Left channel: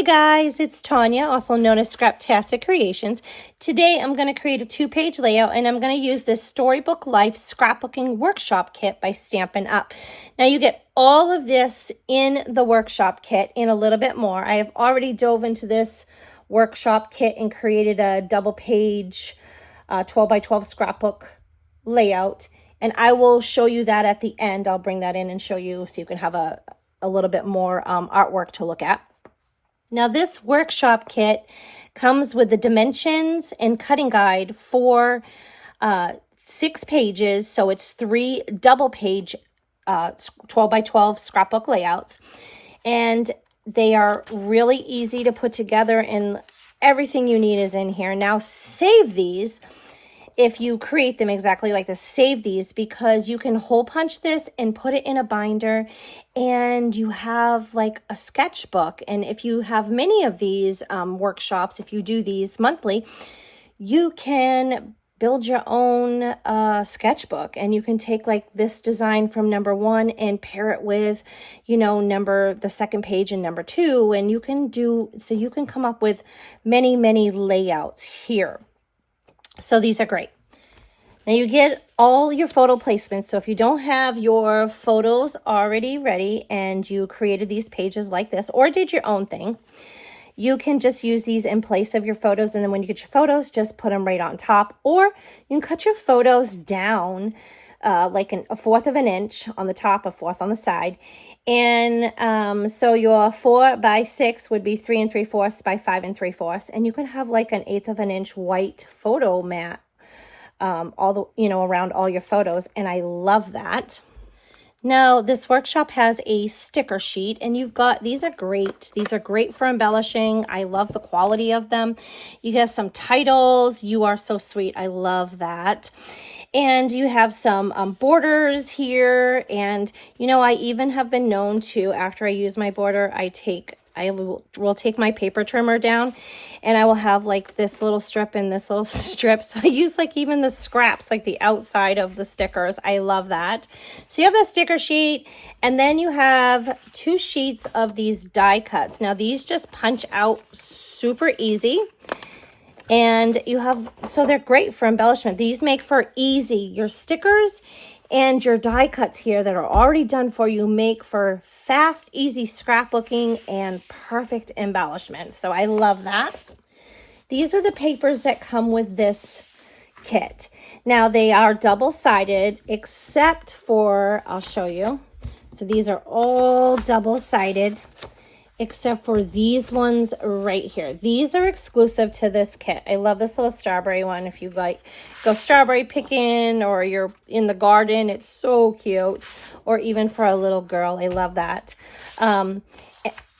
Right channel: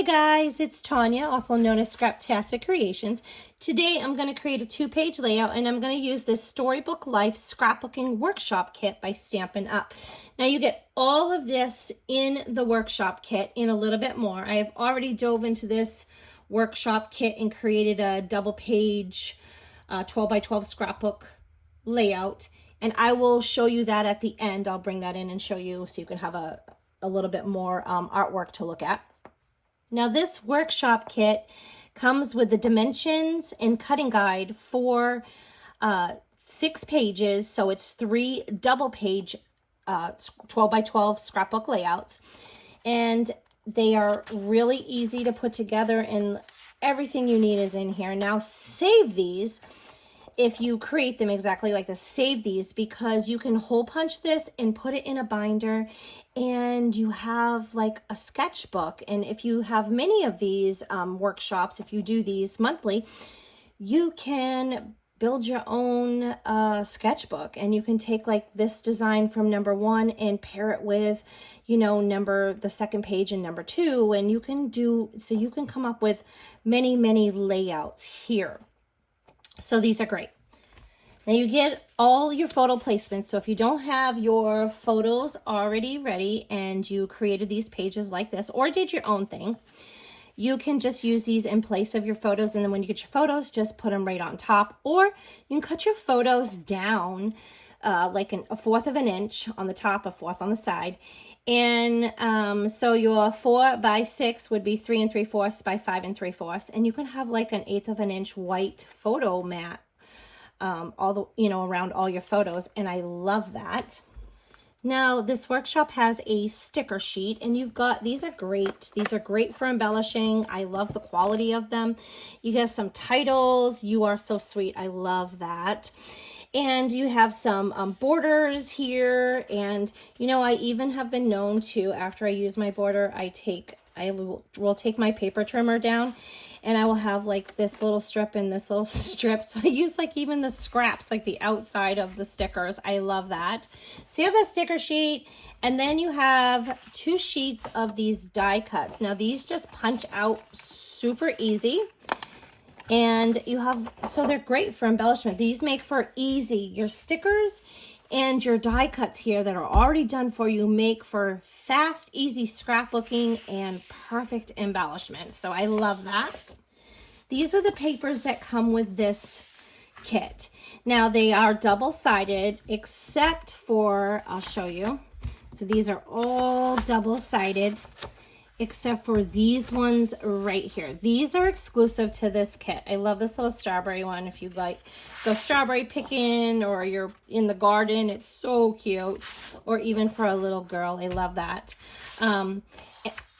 Hey guys, it's Tanya, also known as Scraptastic Creations. Today I'm going to create a 2-page layout and I'm going to use this Storybook Life Scrapbooking Workshop Kit by Stampin Up. Now you get all of this in the workshop kit and a little bit more. I have already dove into this workshop kit and created a double page 12 by 12 scrapbook layout, and I will show you that at the end. I'll bring that in and show you so you can have a little bit more artwork to look at. Now this workshop kit comes with the dimensions and cutting guide for 6 pages. So it's 3 double page 12 by 12 scrapbook layouts. And they are really easy to put together and everything you need is in here. Now save these. If you create them exactly like this, save these, because you can hole punch this and put it in a binder and you have like a sketchbook. And if you have many of these workshops, if you do these monthly, you can build your own sketchbook, and you can take like this design from number 1 and pair it with, you know, the second page and number 2, and you can do, so you can come up with many layouts here. So these are great. Now you get all your photo placements. So if you don't have your photos already ready and you created these pages like this or did your own thing, you can just use these in place of your photos. And then when you get your photos, just put them right on top. Or you can cut your photos down like a 1/4 of an inch on the top, a 1/4 on the side. And so your 4 by 6 would be 3 3/4 by 5 3/4, and you can have like an 1/8 of an inch white photo mat all the, you know, around all your photos, and I love that. Now this workshop has a sticker sheet, and you've got, these are great. These are great for embellishing. I love the quality of them. You have some titles. You are so sweet. I love that. And you have some borders here. And, you know, I even have been known to, after I use my border, I will take my paper trimmer down and I will have like this little strip and this little strip. So I use like even the scraps, like the outside of the stickers. I love that. So you have the sticker sheet, and then you have 2 sheets of these die cuts. Now these just punch out super easy. And you have, so they're great for embellishment. These make for easy. Your stickers and your die cuts here that are already done for you make for fast, easy scrapbooking and perfect embellishment. So I love that. These are the papers that come with this kit. Now they are double-sided except for, I'll show you. So these are all double-sided, except for these ones right here. These are exclusive to this kit. I love this little strawberry one. If you like go strawberry picking or you're in the garden, it's so cute. Or even for a little girl, I love that. And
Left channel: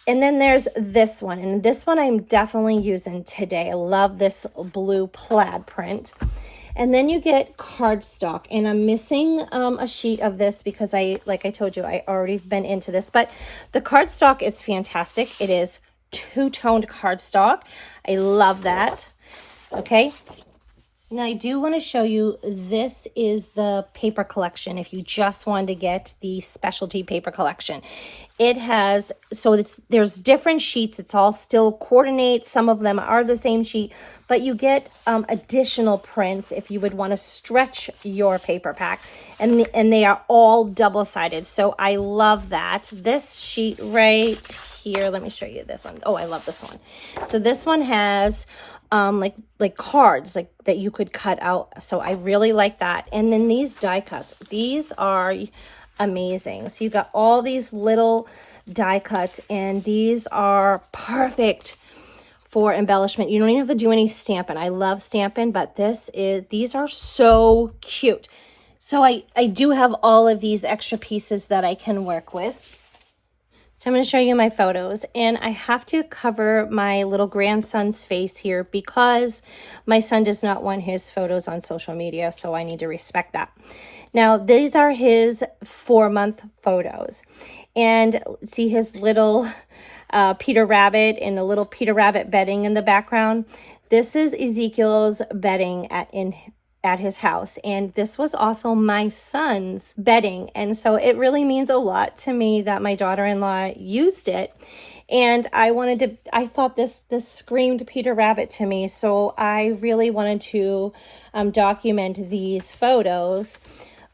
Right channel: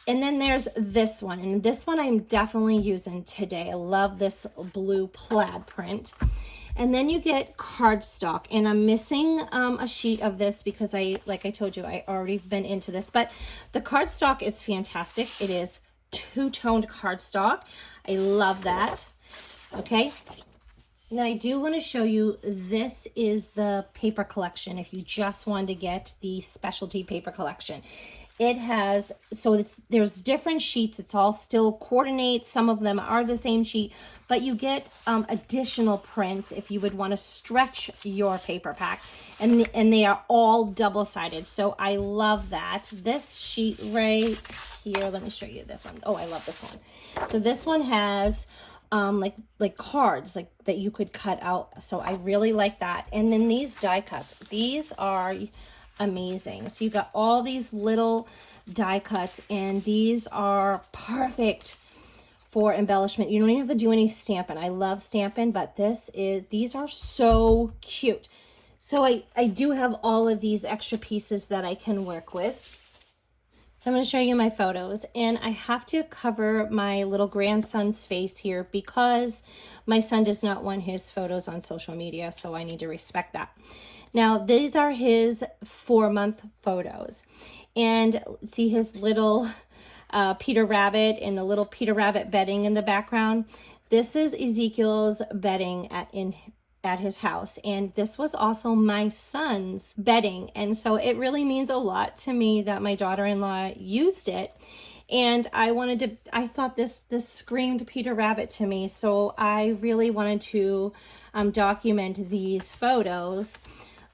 then there's this one, and this one I'm definitely using today. I love this blue plaid print. And then you get cardstock, and I'm missing a sheet of this because like I told you, I already been into this, but the cardstock is fantastic. It is 2-toned cardstock. I love that. Okay. Now I do want to show you, this is the paper collection. If you just wanted to get the specialty paper collection, it has, so there's different sheets. It's all still coordinates. Some of them are the same sheet, but you get additional prints if you would want to stretch your paper pack, and they are all double-sided. So I love that. This sheet right here, let me show you this one. Oh, I love this one. So this one has like cards like that you could cut out. So I really like that. And then these die cuts, these are amazing. So you got all these little die cuts, and these are perfect for embellishment. You don't even have to do any stamping. I love stamping, but these are so cute. So I do have all of these extra pieces that I can work with. So I'm going to show you my photos, and I have to cover my little grandson's face here because my son does not want his photos on social media, so I need to respect that. Now, these are his 4-month photos, and see his little Peter Rabbit and the little Peter Rabbit bedding in the background. This is Ezekiel's bedding at his house, and this was also my son's bedding, and so it really means a lot to me that my daughter-in-law used it. And I thought this screamed Peter Rabbit to me. So I really wanted to document these photos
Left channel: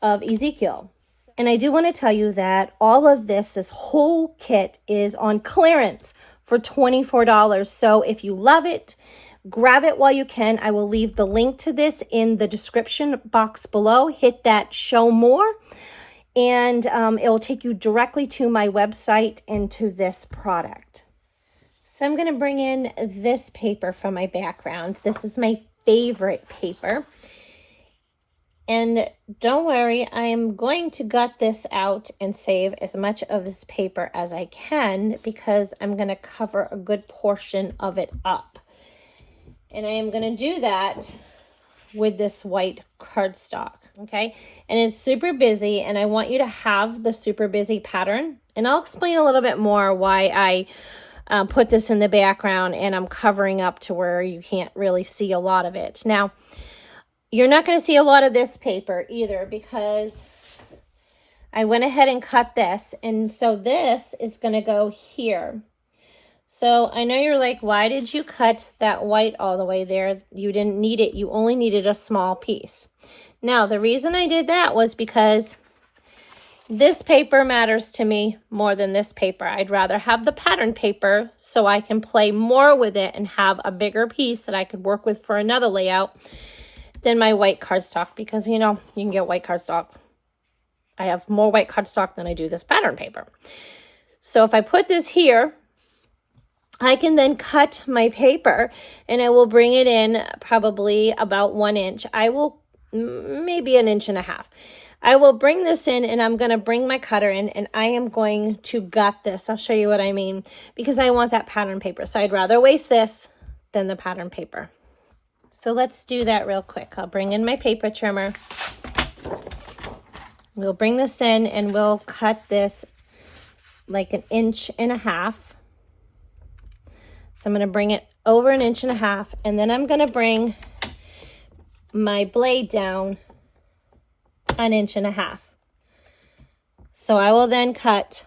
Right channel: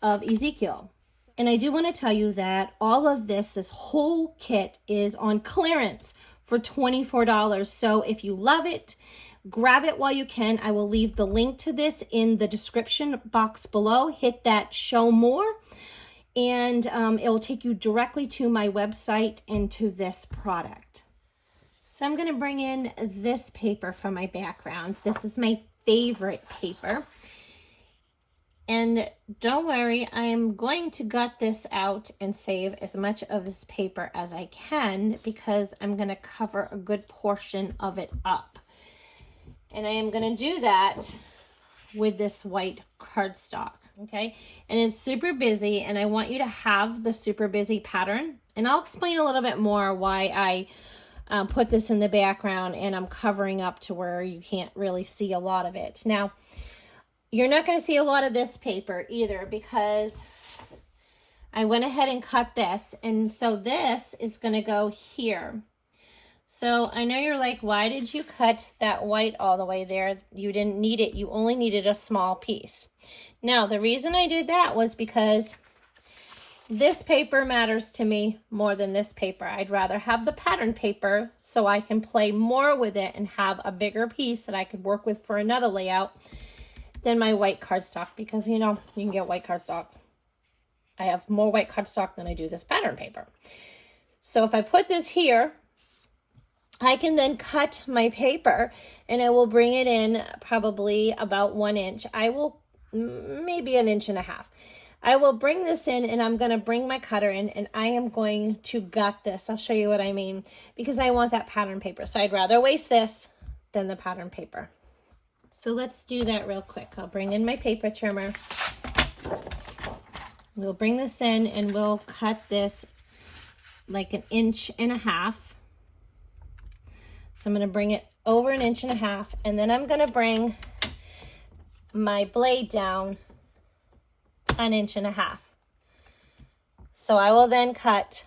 of Ezekiel. And I do want to tell you that all of this whole kit is on clearance for $24. So if you love it, grab it while you can. I will leave the link to this in the description box below. Hit that show more, and it will take you directly to my website and to this product. So I'm going to bring in this paper from my background. This is my favorite paper. And don't worry, I am going to gut this out and save as much of this paper as I can, because I'm going to cover a good portion of it up. And I am going to do that with this white cardstock, okay? And it's super busy, and I want you to have the super busy pattern. And I'll explain a little bit more why I put this in the background and I'm covering up to where you can't really see a lot of it. Now, you're not going to see a lot of this paper either, because I went ahead and cut this. And so this is going to go here. So I know you're like, why did you cut that white all the way there? You didn't need it. You only needed a small piece. Now, the reason I did that was because this paper matters to me more than this paper. I'd rather have the pattern paper so I can play more with it and have a bigger piece that I could work with for another layout than my white cardstock, because you know, you can get white cardstock. I have more white cardstock than I do this pattern paper. So if I put this here, I can then cut my paper and I will bring it in probably about 1 inch. I will maybe 1.5 inches. I will bring this in, and I'm going to bring my cutter in, and I am going to gut this. I'll show you what I mean, because I want that pattern paper. So I'd rather waste this than the pattern paper. So let's do that real quick. I'll bring in my paper trimmer. We'll bring this in and we'll cut this like 1.5 inches. So I'm going to bring it over 1.5 inches, and then I'm going to bring my blade down 1.5 inches. So I will then cut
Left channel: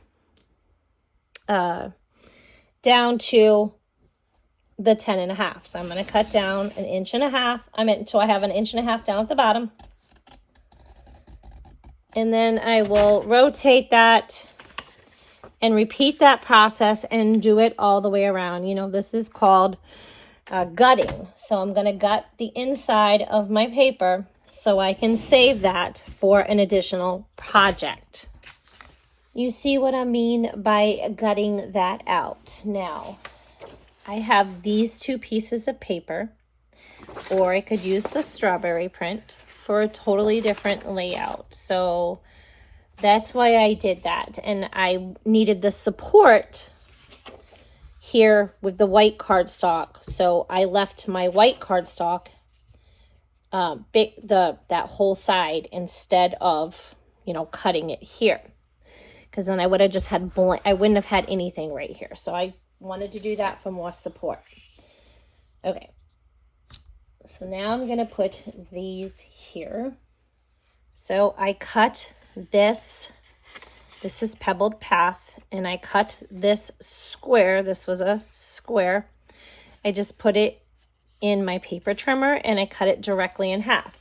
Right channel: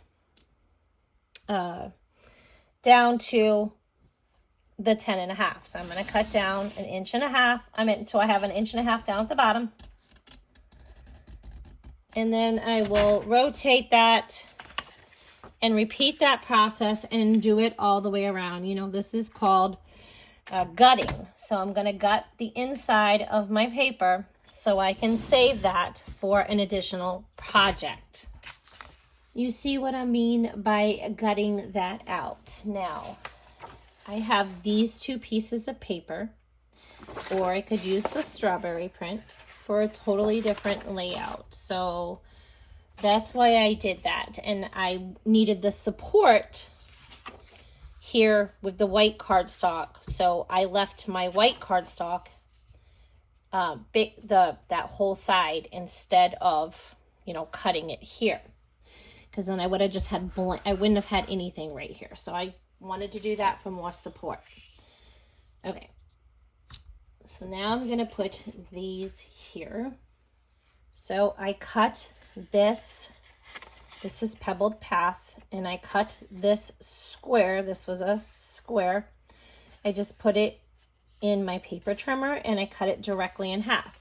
down to the 10.5. So I'm going to cut down 1.5 inches. So I have 1.5 inches down at the bottom. And then I will rotate that and repeat that process and do it all the way around. You know, this is called gutting. So I'm going to gut the inside of my paper so I can save that for an additional project. You see what I mean by gutting that out. Now, I have these 2 pieces of paper, or I could use the strawberry print for a totally different layout. So that's why I did that. And I needed the support here with the white cardstock. So I left my white cardstock that whole side instead of, you know, cutting it here. Because then I would have just had I wouldn't have had anything right here. So I wanted to do that for more support. Okay. So now I'm going to put these here. So I cut this. This is Pebbled Path, and I cut this square. This was a square. I just put it in my paper trimmer and I cut it directly in half.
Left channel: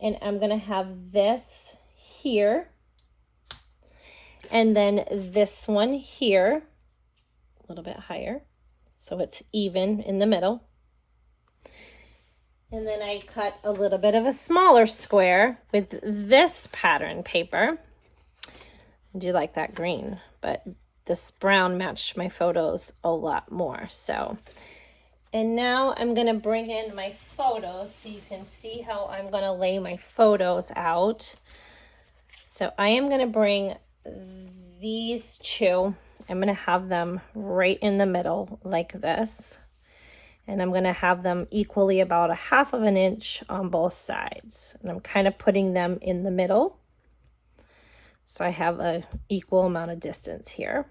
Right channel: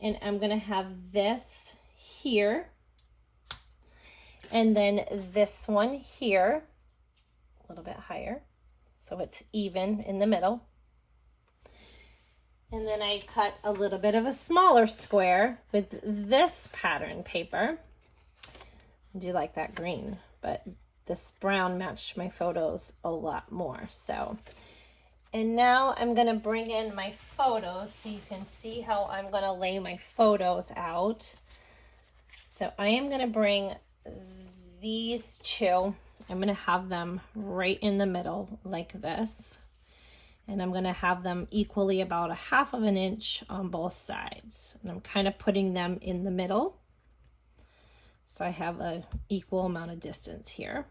And I'm going to have this here, and then this one here, a little bit higher, so it's even in the middle. And then I cut a little bit of a smaller square with this pattern paper. I do like that green, but this brown matched my photos a lot more. So, and now I'm going to bring in my photos so you can see how I'm going to lay my photos out. So I am going to bring these 2. I'm going to have them right in the middle like this. And I'm going to have them equally about 1/2 inch on both sides. And I'm kind of putting them in the middle, so I have an equal amount of distance here.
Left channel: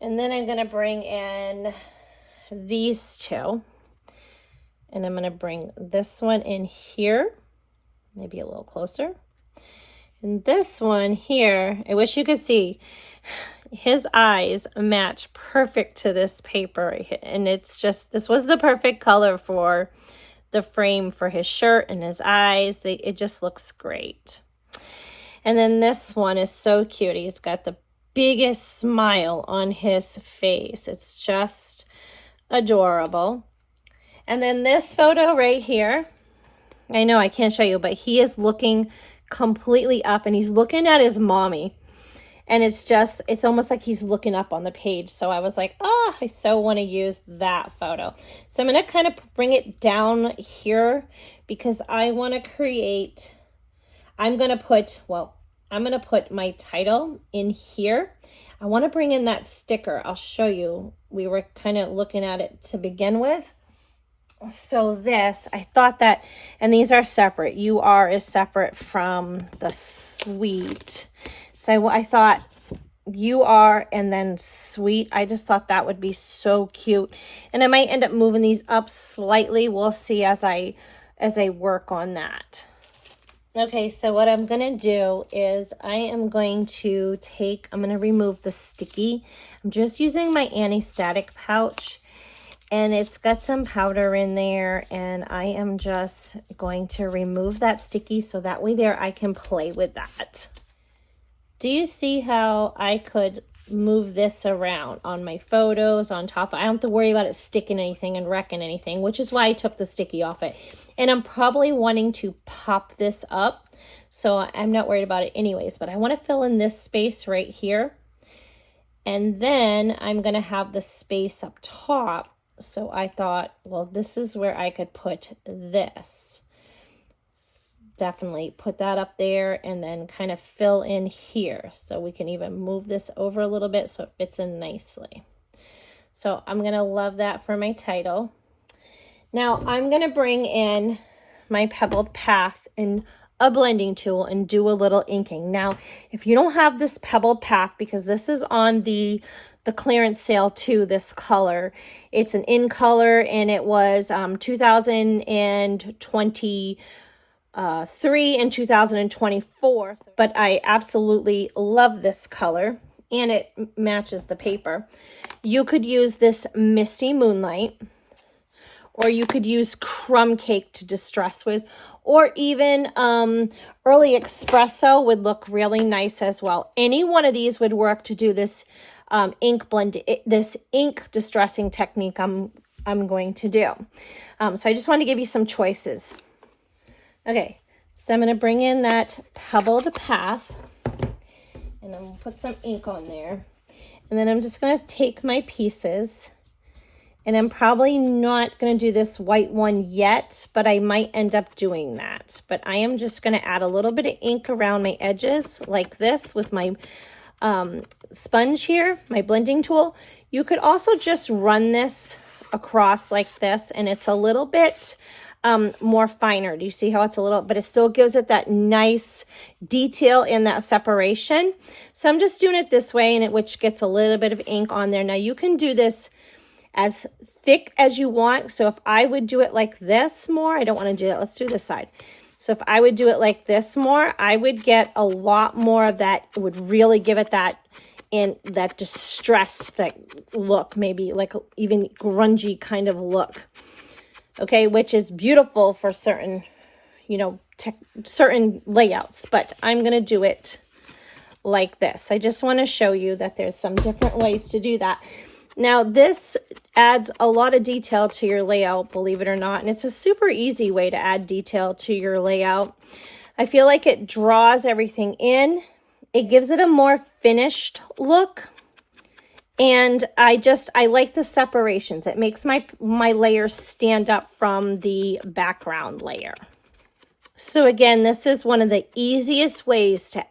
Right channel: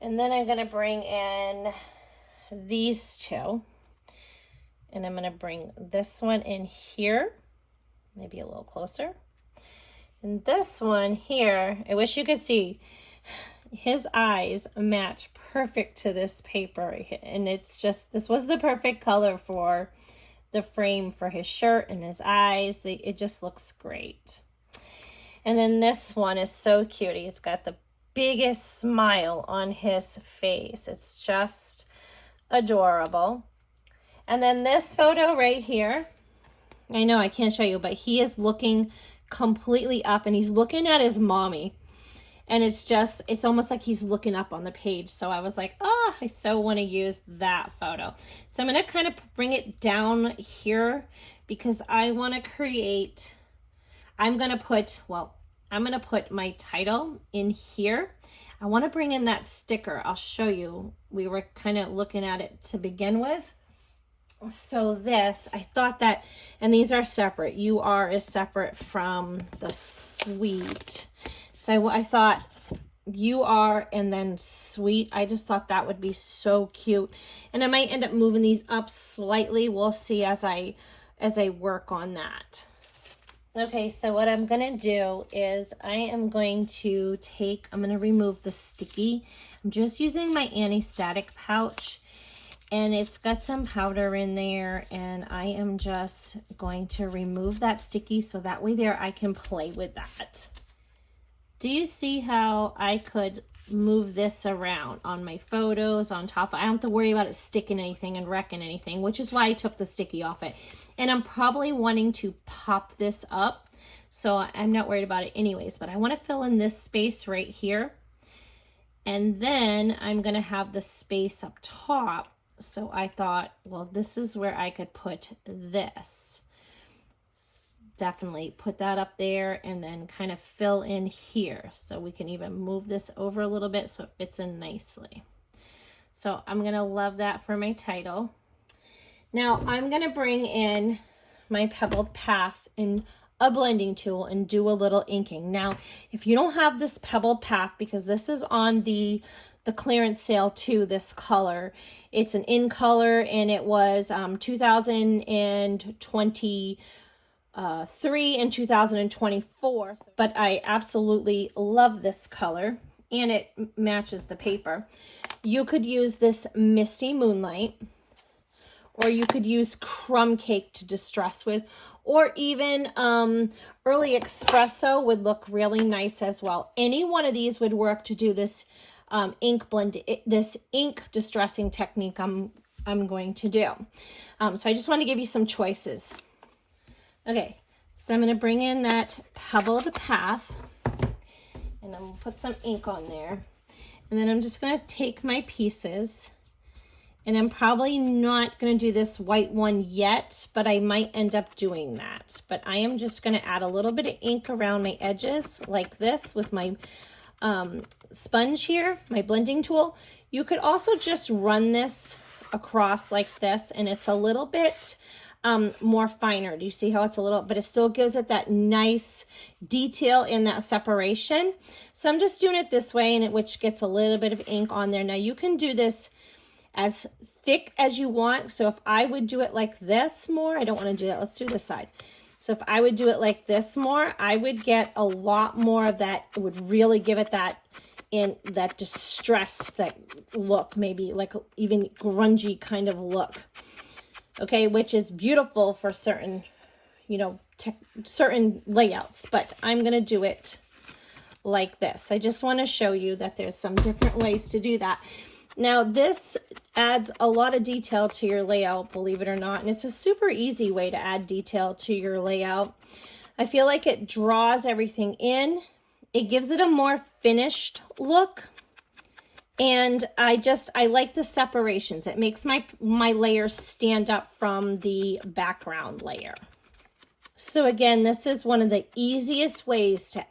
And then I'm going to bring in these 2. And I'm going to bring this one in here, maybe a little closer. And this one here, I wish you could see, his eyes match perfect to this paper. And it's just, this was the perfect color for the frame for his shirt and his eyes. It just looks great. And then this one is so cute. He's got the biggest smile on his face. It's just adorable. And then this photo right here, I know I can't show you, but he is looking completely up and he's looking at his mommy. And it's almost like he's looking up on the page. So I was like, oh, I so want to use that photo. So I'm going to kind of bring it down here because I want to create, I'm going to put my title in here. I want to bring in that sticker. I'll show you. We were kind of looking at it to begin with. So this, I thought that, and these are separate. UR is separate from the suite. So I thought UR and then suite. I just thought that would be so cute. And I might end up moving these up slightly. We'll see as I work on that. Okay, so what I'm going to do is I'm going to remove the sticky. I'm just using my anti-static pouch. And it's got some powder in there, and I am just going to remove that sticky so that way there I can play with that. Do you see how I could move this around on my photos on top? I don't have to worry about it sticking anything and wrecking anything, which is why I took the sticky off it. And I'm probably wanting to pop this up, so I'm not worried about it anyways, but I want to fill in this space right here. And then I'm going to have the space up top. So I thought, well, this is where I could put this. Definitely put that up there and then kind of fill in here. So we can even move this over a little bit so it fits in nicely. So I'm going to love that for my title. Now I'm going to bring in my Pebbled Path in a blending tool and do a little inking. Now, if you don't have this Pebbled Path, because this is on the clearance sale too, this color, it's an in color, and it was 2023 and 2024, but I absolutely love this color and it matches the paper. You could use this Misty Moonlight, or you could use Crumb Cake to distress with, or even Early Espresso would look really nice as well. Any one of these would work to do this ink blend, this ink distressing technique I'm going to do. So I just want to give you some choices. Okay, so I'm going to bring in that Pebbled Path, and I'm going to put some ink on there. And then I'm just going to take my pieces, and I'm probably not going to do this white one yet, but I might end up doing that. But I am just going to add a little bit of ink around my edges like this with my sponge here, my blending tool. You could also just run this across like this, and it's a little bit more finer. Do you see how it's a little, but it still gives it that nice detail in that separation. So I'm just doing it this way, and which gets a little bit of ink on there. Now you can do this as thick as you want. So if I would do it like this more, I don't want to do it. Let's do this side. So if I would do it like this more, I would get a lot more of that. It would really give it that distressed look, maybe like even grungy kind of look. Okay, which is beautiful for certain, certain layouts, but I'm going to do it like this. I just want to show you that there's some different ways to do that. Now, this adds a lot of detail to your layout, believe it or not, and it's a super easy way to add detail to your layout. I feel like it draws everything in. It gives it a more finished look, and I like the separations. It makes my layers stand up from the background layer. So again, this is one of the easiest ways to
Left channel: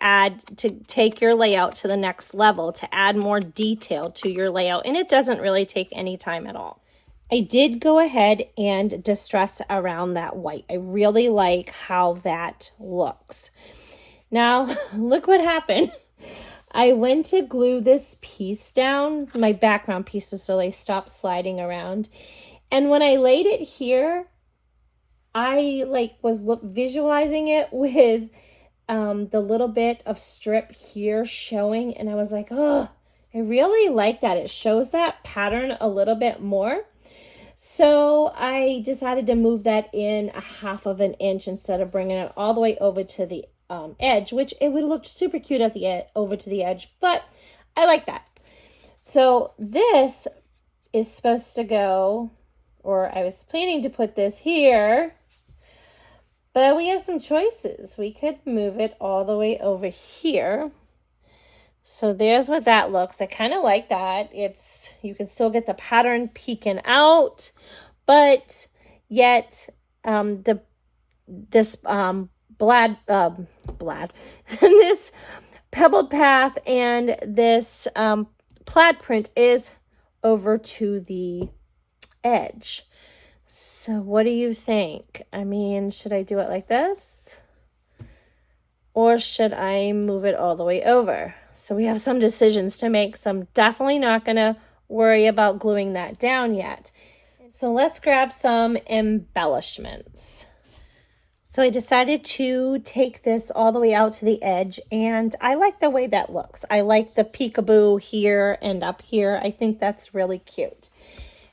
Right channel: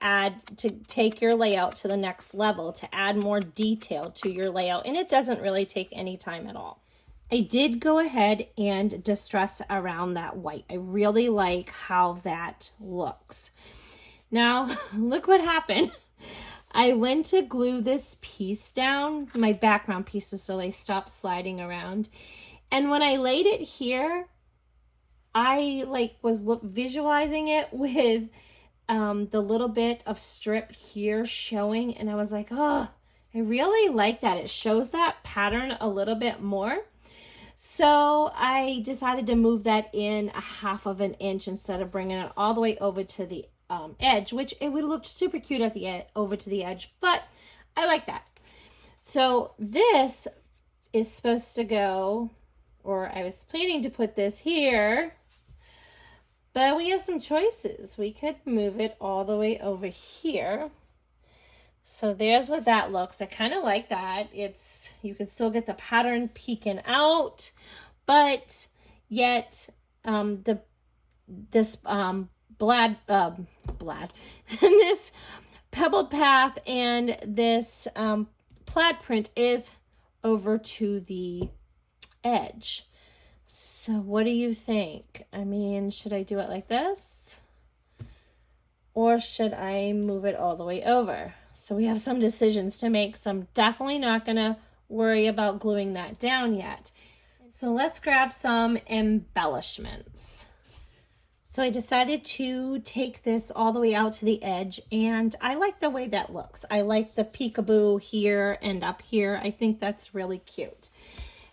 take your layout to the next level, to add more detail to your layout, and it doesn't really take any time at all. I did go ahead and distress around that white. I really like how that looks. Now, look what happened. I went to glue this piece down, my background pieces, so they stopped sliding around. And when I laid it here, I was visualizing it with the little bit of strip here showing, and I was like, oh, I really like that. It shows that pattern a little bit more. So I decided to move that in a 1/2 of an inch instead of bringing it all the way over to the edge, which it would look super cute at the over to the edge, but I like that. So this is supposed to go, or I was planning to put this here, but we have some choices. We could move it all the way over here. So there's what that looks. I kind of like that. You can still get the pattern peeking out, but yet this this pebbled path and this plaid print is over to the edge. So what do you think? I mean, should I do it like this? Or should I move it all the way over? So we have some decisions to make. So I'm definitely not going to worry about gluing that down yet. So let's grab some embellishments. So I decided to take this all the way out to the edge, and I like the way that looks. I like the peekaboo here and up here. I think that's really cute.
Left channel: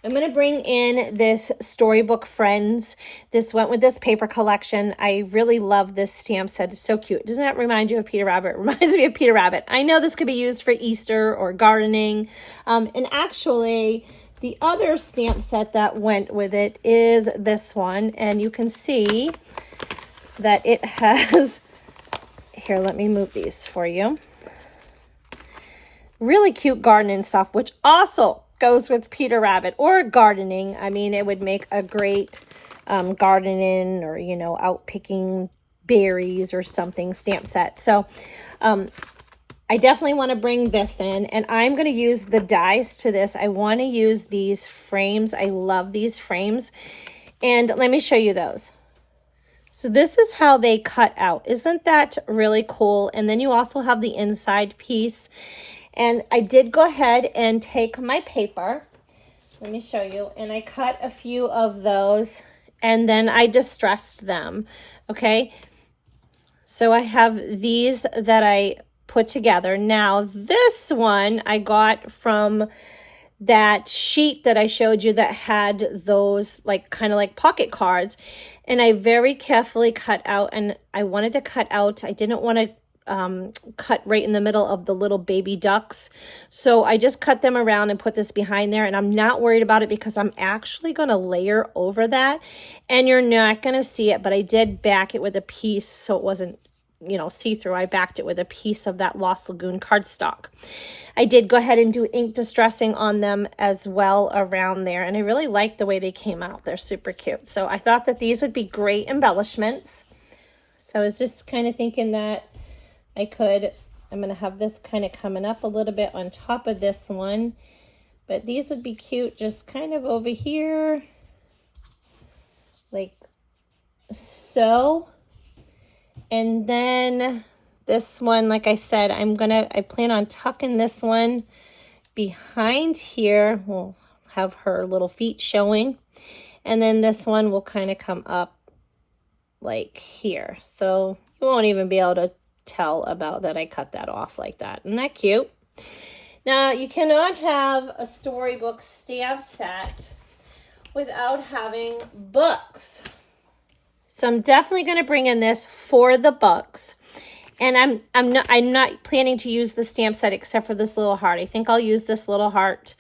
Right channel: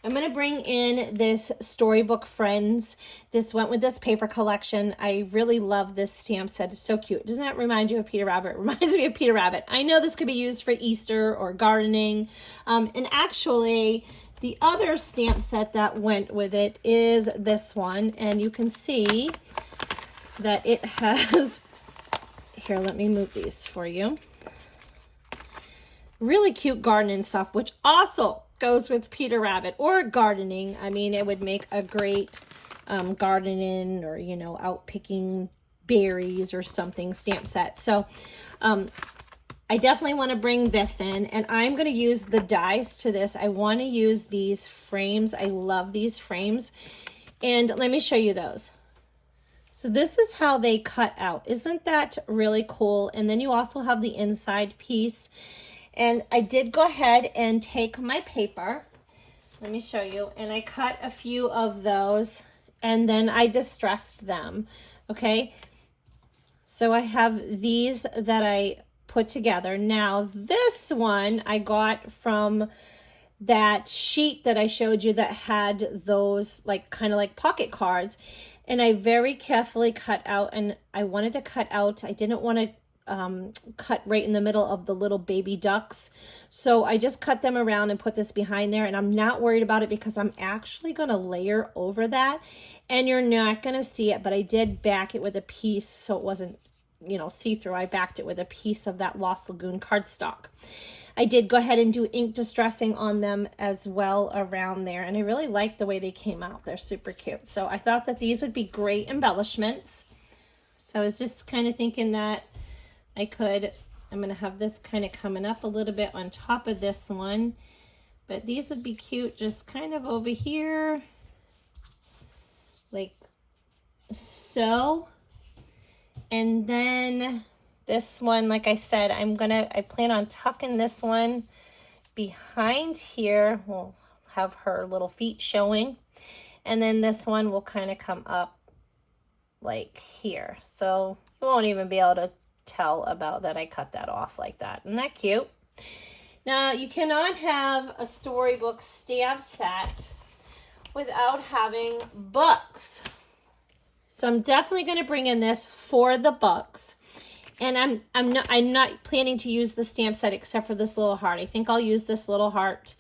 I'm going to bring in this Storybook Friends. This went with this paper collection. I really love this stamp set. It's so cute. Doesn't that remind you of Peter Rabbit? It reminds me of Peter Rabbit. I know this could be used for Easter or gardening. And actually, the other stamp set that went with it is this one. And you can see that it has, here, let me move these for you. Really cute gardening stuff, which also goes with Peter Rabbit or gardening. I mean, it would make a great gardening or, you know, out picking berries or something stamp set. So I definitely want to bring this in, and I'm going to use the dies to this. I want to use these frames. I love these frames. And let me show you those. So this is how they cut out. Isn't that really cool? And then you also have the inside piece. And I did go ahead and take my paper, let me show you, and I cut a few of those, and then I distressed them, okay? So I have these that I put together. Now this one I got from that sheet that I showed you that had those like kind of like pocket cards, and I very carefully cut out, and I wanted to cut out, I didn't want to cut right in the middle of the little baby ducks. So I just cut them around and put this behind there, and I'm not worried about it because I'm actually going to layer over that, and you're not going to see it, but I did back it with a piece so it wasn't, you know, see-through. I backed it with a piece of that Lost Lagoon cardstock. I did go ahead and do ink distressing on them as well around there, and I really like the way they came out. They're super cute. So I thought that these would be great embellishments. So I was just kind of thinking that I'm going to have this kind of coming up a little bit on top of this one, but these would be cute just kind of over here, like so. And then this one, like I said, I plan on tucking this one behind here. We'll have her little feet showing. And then this one will kind of come up like here. So you won't even be able to tell about that I cut that off like that. Isn't that cute? Now, you cannot have a Storybook stamp set without having books. So I'm definitely going to bring in this for the books. And I'm not planning to use the stamp set except for this little heart. I think I'll use this little heart.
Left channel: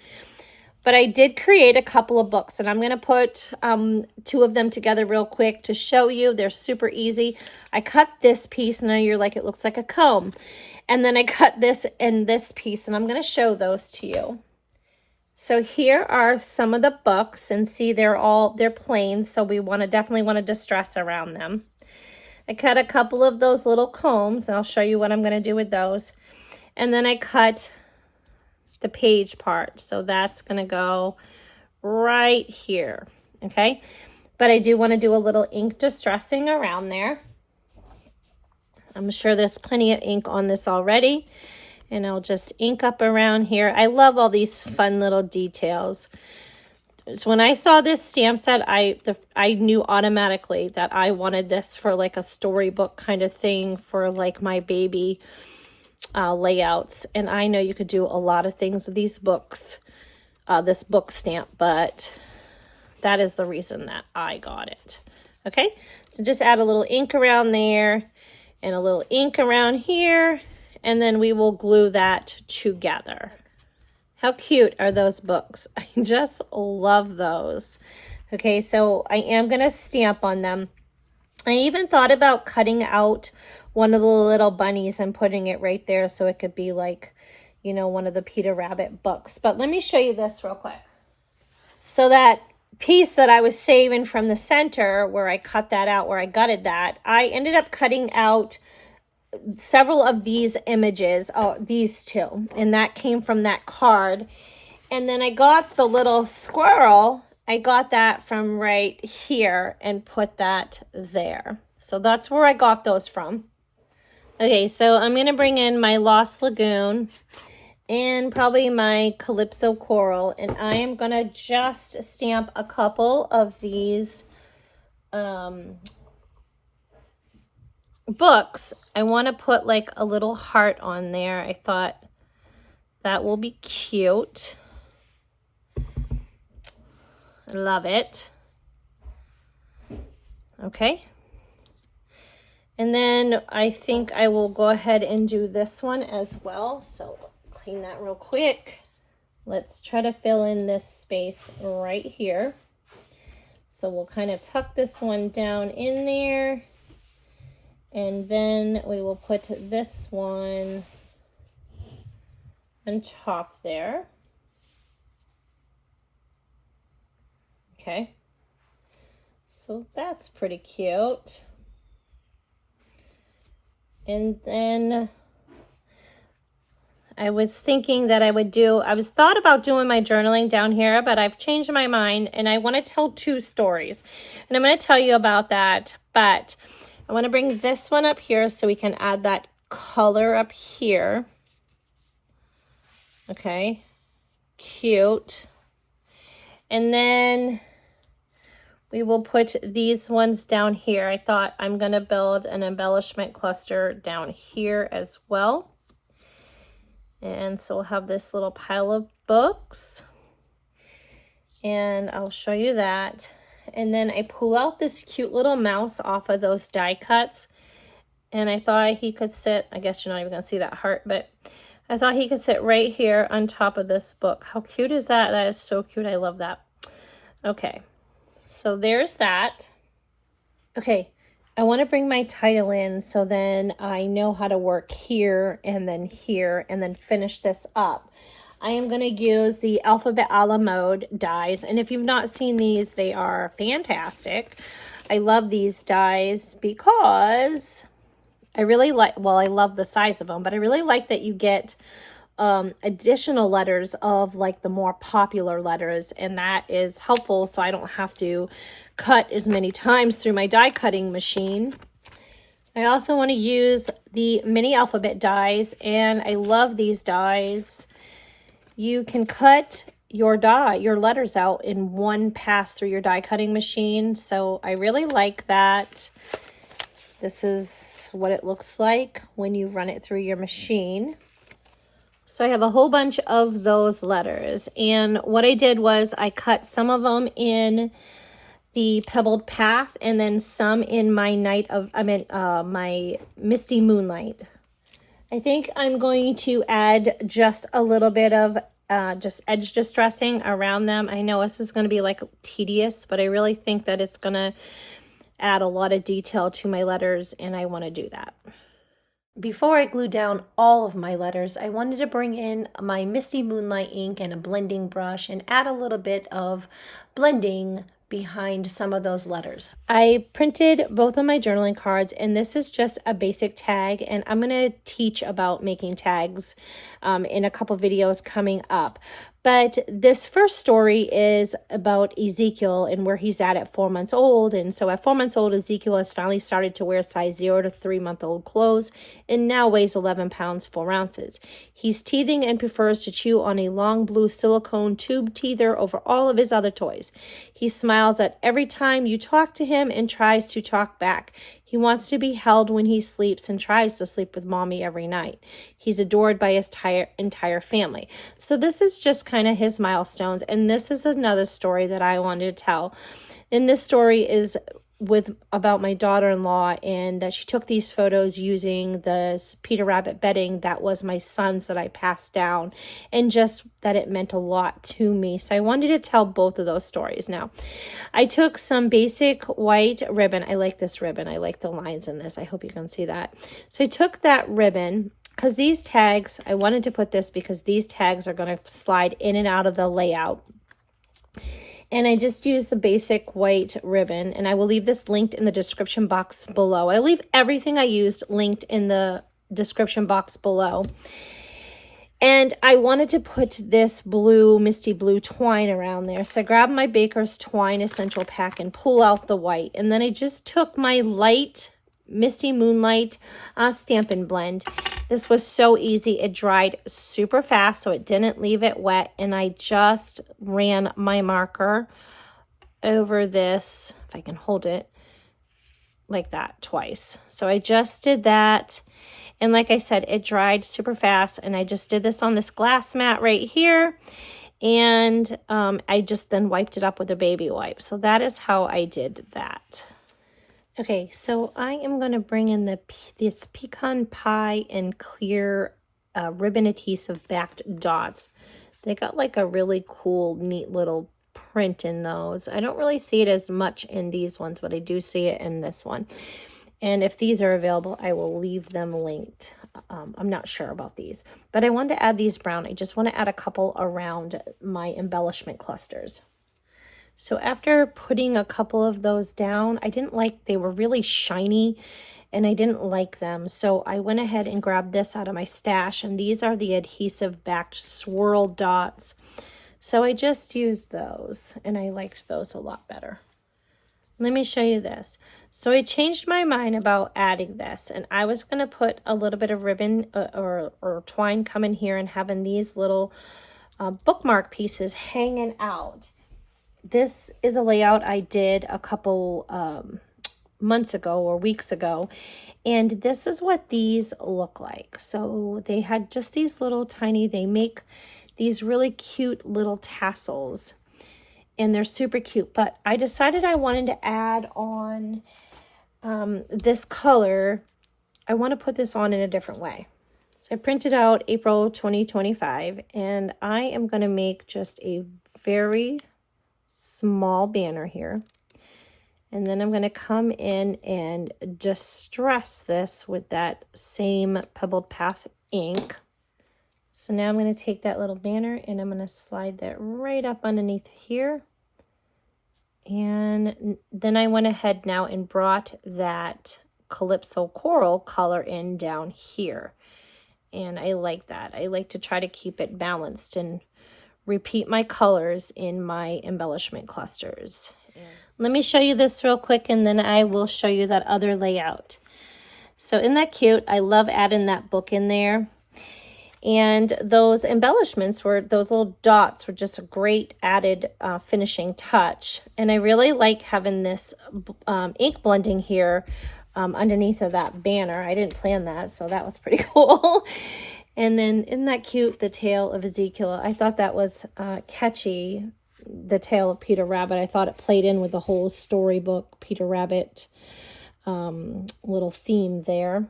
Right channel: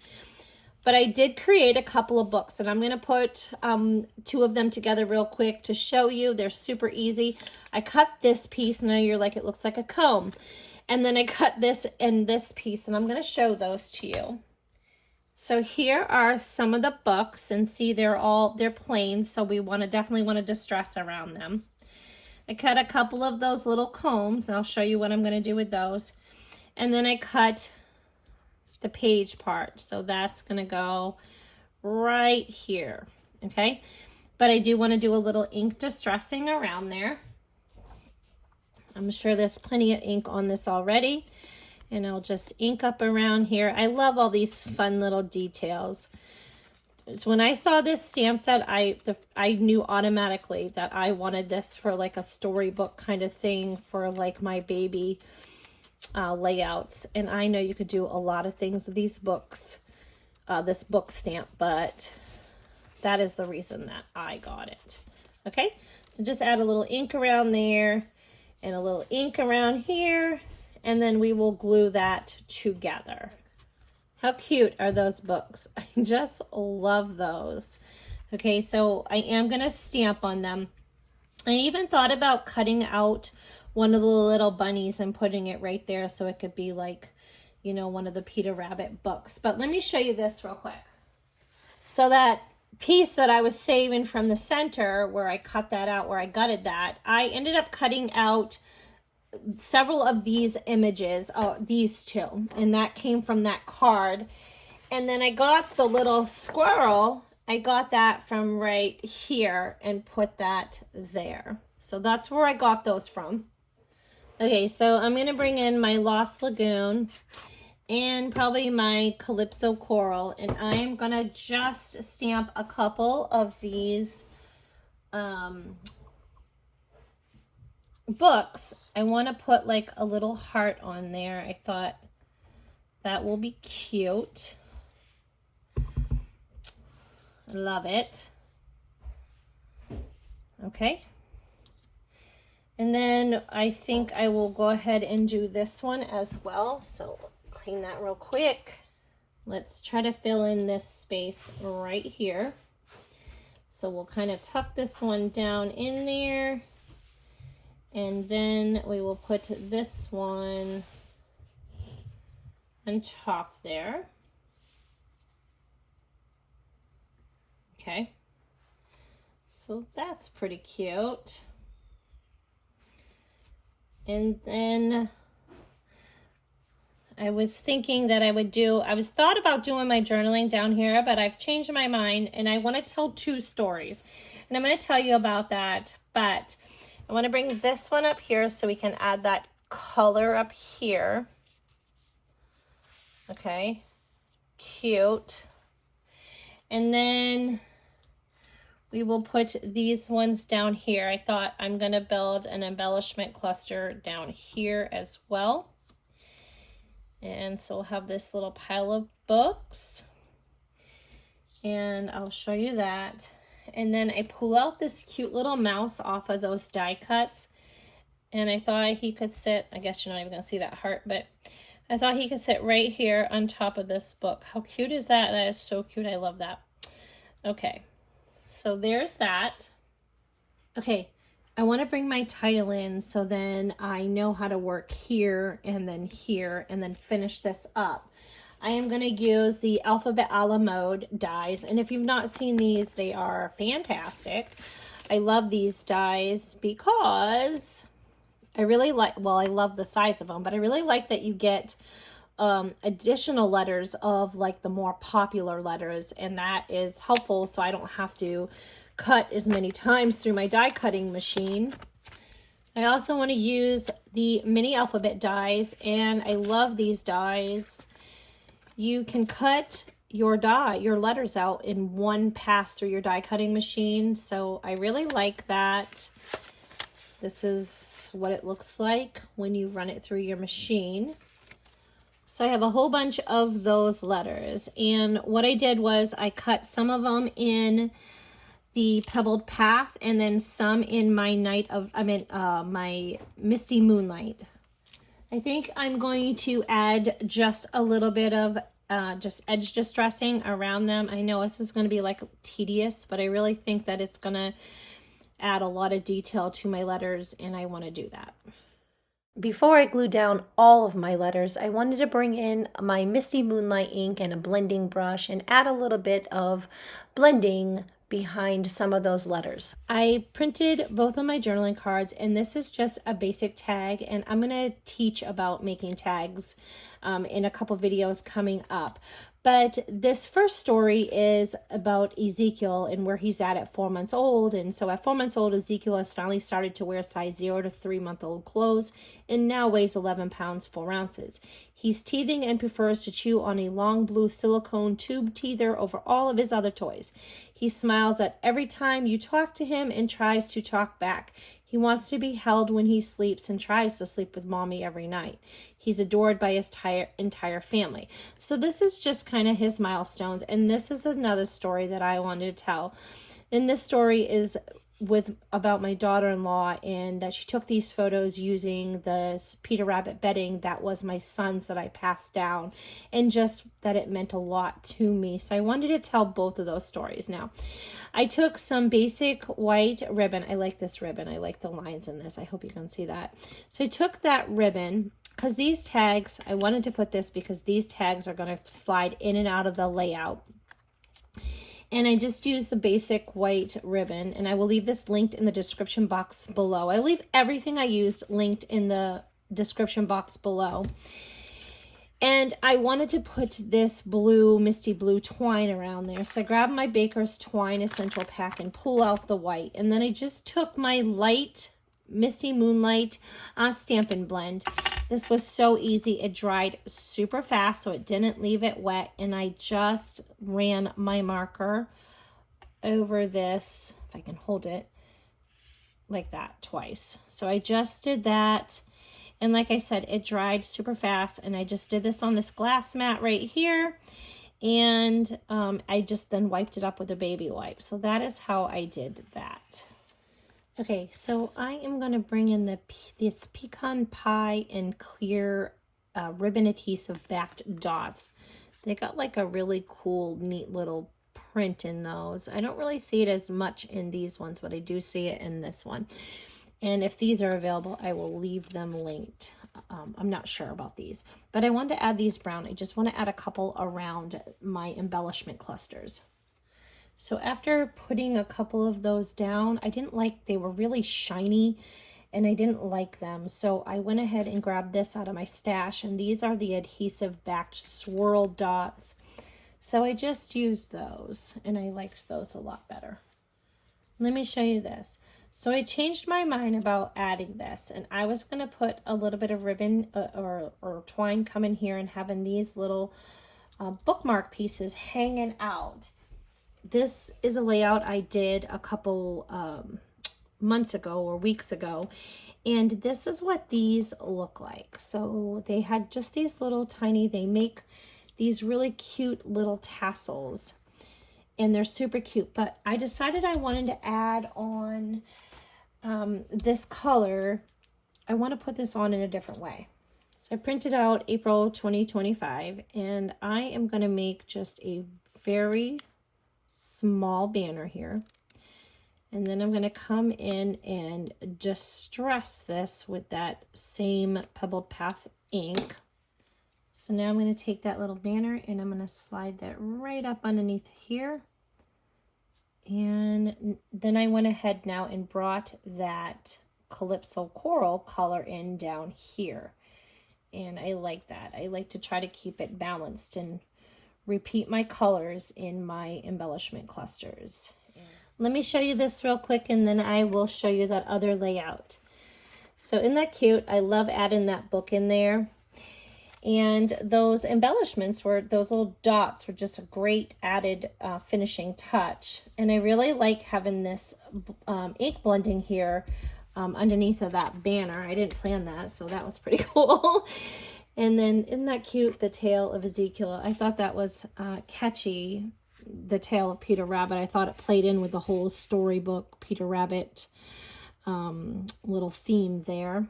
But I did create a couple of books, and I'm going to put 2 of them together real quick to show you. They're super easy. I cut this piece, and now you're like, it looks like a comb. And then I cut this and this piece, and I'm going to show those to you. So here are some of the books, and see they're plain, so we definitely want to distress around them. I cut a couple of those little combs, and I'll show you what I'm going to do with those. And then I cut the page part, so that's going to go right here, okay? But I do want to do a little ink distressing around there. I'm sure there's plenty of ink on this already, and I'll just ink up around here. I love all these fun little details. So when I saw this stamp set, I knew automatically that I wanted this for like a storybook kind of thing for like my baby layouts, and I know you could do a lot of things with these books, this book stamp, but that is the reason that I got it. Okay, so just add a little ink around there and a little ink around here, and then we will glue that together. How cute are those books? I just love those. Okay, so I am going to stamp on them. I even thought about cutting out one of the little bunnies and putting it right there so it could be like, you know, one of the Peter Rabbit books. But let me show you this real quick. So that piece that I was saving from the center where I cut that out, where I gutted that, I ended up cutting out several of these images, these two, and that came from that card. And then I got the little squirrel, I got that from right here and put that there. So that's where I got those from. Okay, so I'm going to bring in my Lost Lagoon and probably my Calypso Coral, and I am going to just stamp a couple of these books. I want to put like a little heart on there. I thought that will be cute. I love it. Okay. And then I think I will go ahead and do this one as well. So clean that real quick. Let's try to fill in this space right here. So we'll kind of tuck this one down in there. And then we will put this one on top there. Okay, so that's pretty cute. And then I was thinking that I was thought about doing my journaling down here, but I've changed my mind and I want to tell 2 stories. And I'm going to tell you about that, but I want to bring this one up here so we can add that color up here. Okay, cute. And then we will put these ones down here. I thought I'm going to build an embellishment cluster down here as well. And so we'll have this little pile of books. And I'll show you that. And then I pull out this cute little mouse off of those die cuts. And I thought he could sit, I guess you're not even going to see that heart, but I thought he could sit right here on top of this book. How cute is that? That is so cute. I love that. Okay. So there's that. Okay, I want to bring my title in so then I know how to work here and then finish this up. I am going to use the Alphabet a la Mode dies, and if you've not seen these, they are fantastic. I love these dies because I really like, well, I love the size of them, but I really like that you get additional letters of like the more popular letters, and that is helpful so I don't have to cut as many times through my die cutting machine. I also want to use the mini alphabet dies, and I love these dies. You can cut your letters out in one pass through your die cutting machine, so I really like that. This is what it looks like when you run it through your machine. So I have a whole bunch of those letters, and what I did was I cut some of them in the Pebbled Path and then some in my my Misty Moonlight. I think I'm going to add just a little bit of just edge distressing around them. I know this is going to be like tedious, but I really think that it's going to add a lot of detail to my letters, and I want to do that. Before I glue down all of my letters, I wanted to bring in my Misty Moonlight ink and a blending brush and add a little bit of blending behind some of those letters. I printed both of my journaling cards, and this is just a basic tag, and I'm going to teach about making tags in a couple videos coming up. But this first story is about Ezekiel and where he's at 4 months old. And so at 4 months old, Ezekiel has finally started to wear size 0 to 3 month old clothes and now weighs 11 pounds, 4 ounces. He's teething and prefers to chew on a long blue silicone tube teether over all of his other toys. He smiles at every time you talk to him and tries to talk back. He wants to be held when he sleeps and tries to sleep with mommy every night. He's adored by his entire family. So this is just kind of his milestones. And this is another story that I wanted to tell. And this story is about my daughter-in-law, and that she took these photos using the Peter Rabbit bedding that was my son's that I passed down, and just that it meant a lot to me. So I wanted to tell both of those stories. Now, I took some basic white ribbon. I like this ribbon. I like the lines in this. I hope you can see that. So I took that ribbon because these tags, I wanted to put this because these tags are going to slide in and out of the layout. And I just used a basic white ribbon, and I will leave this linked in the description box below. I leave everything I used linked in the description box below. And I wanted to put this blue, Misty blue twine around there. So I grabbed my Baker's Twine Essential Pack and pull out the white. And then I just took my light Misty Moonlight Stampin' Blend. This was so easy. It dried super fast, so it didn't leave it wet. And I just ran my marker over this, if I can hold it, like that twice. So I just did that. And like I said, it dried super fast. And I just did this on this glass mat right here. And I just then wiped it up with a baby wipe. So that is how I did that. Okay, so I am going to bring in this pecan pie and clear ribbon adhesive backed dots. They got like a really cool, neat little print in those. I don't really see it as much in these ones, but I do see it in this one. And if these are available, I will leave them linked. I'm not sure about these, but I wanted to add these brown. I just want to add a couple around my embellishment clusters. So after putting a couple of those down, I didn't like, they were really shiny and I didn't like them. So I went ahead and grabbed this out of my stash, and these are the adhesive backed swirl dots. So I just used those and I liked those a lot better. Let me show you this. So I changed my mind about adding this, and I was going to put a little bit of ribbon or twine coming here and having these little bookmark pieces hanging out. This is a layout I did a couple months ago or weeks ago, and this is what these look like. So they had just these little tiny, they make these really cute little tassels, and they're super cute. But I decided I wanted to add on this color. I want to put this on in a different way. So I printed out April 2025, and I am going to make just a very small banner here. And then I'm going to come in and distress this with that same Pebbled Path ink. So now I'm going to take that little banner and I'm going to slide that right up underneath here. And then I went ahead now and brought that Calypso coral color in down here. And I like that. I like to try to keep it balanced and repeat my colors in my embellishment clusters. Yeah. Let me show you this real quick, and then I will show you that other layout. So isn't that cute? I love adding that book in there. And those embellishments were, those little dots were just a great added finishing touch. And I really like having this ink blending here underneath of that banner. I didn't plan that, so that was pretty cool. And then, isn't that cute, the tail of Ezekiel? I thought that was catchy, the tail of Peter Rabbit. I thought it played in with the whole Storybook Peter Rabbit little theme there.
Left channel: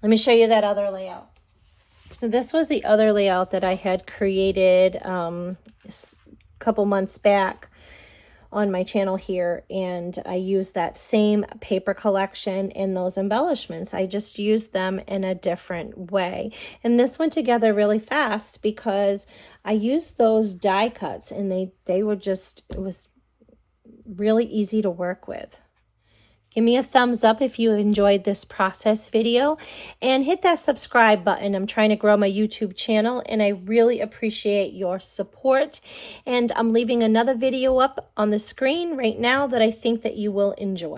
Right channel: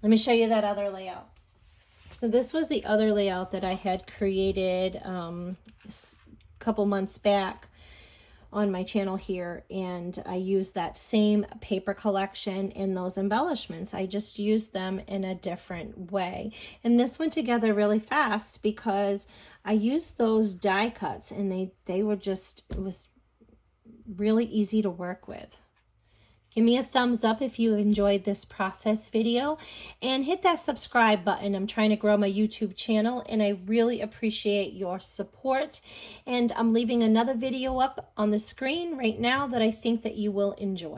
Let me show you that other layout. So this was the other layout that I had created a couple months back on my channel here, and I used that same paper collection in those embellishments. I just used them in a different way, and this went together really fast because I used those die cuts, and they were just, it was really easy to work with. Give me a thumbs up if you enjoyed this process video, and hit that subscribe button. I'm trying to grow my YouTube channel, and I really appreciate your support. And I'm leaving another video up on the screen right now that I think that you will enjoy.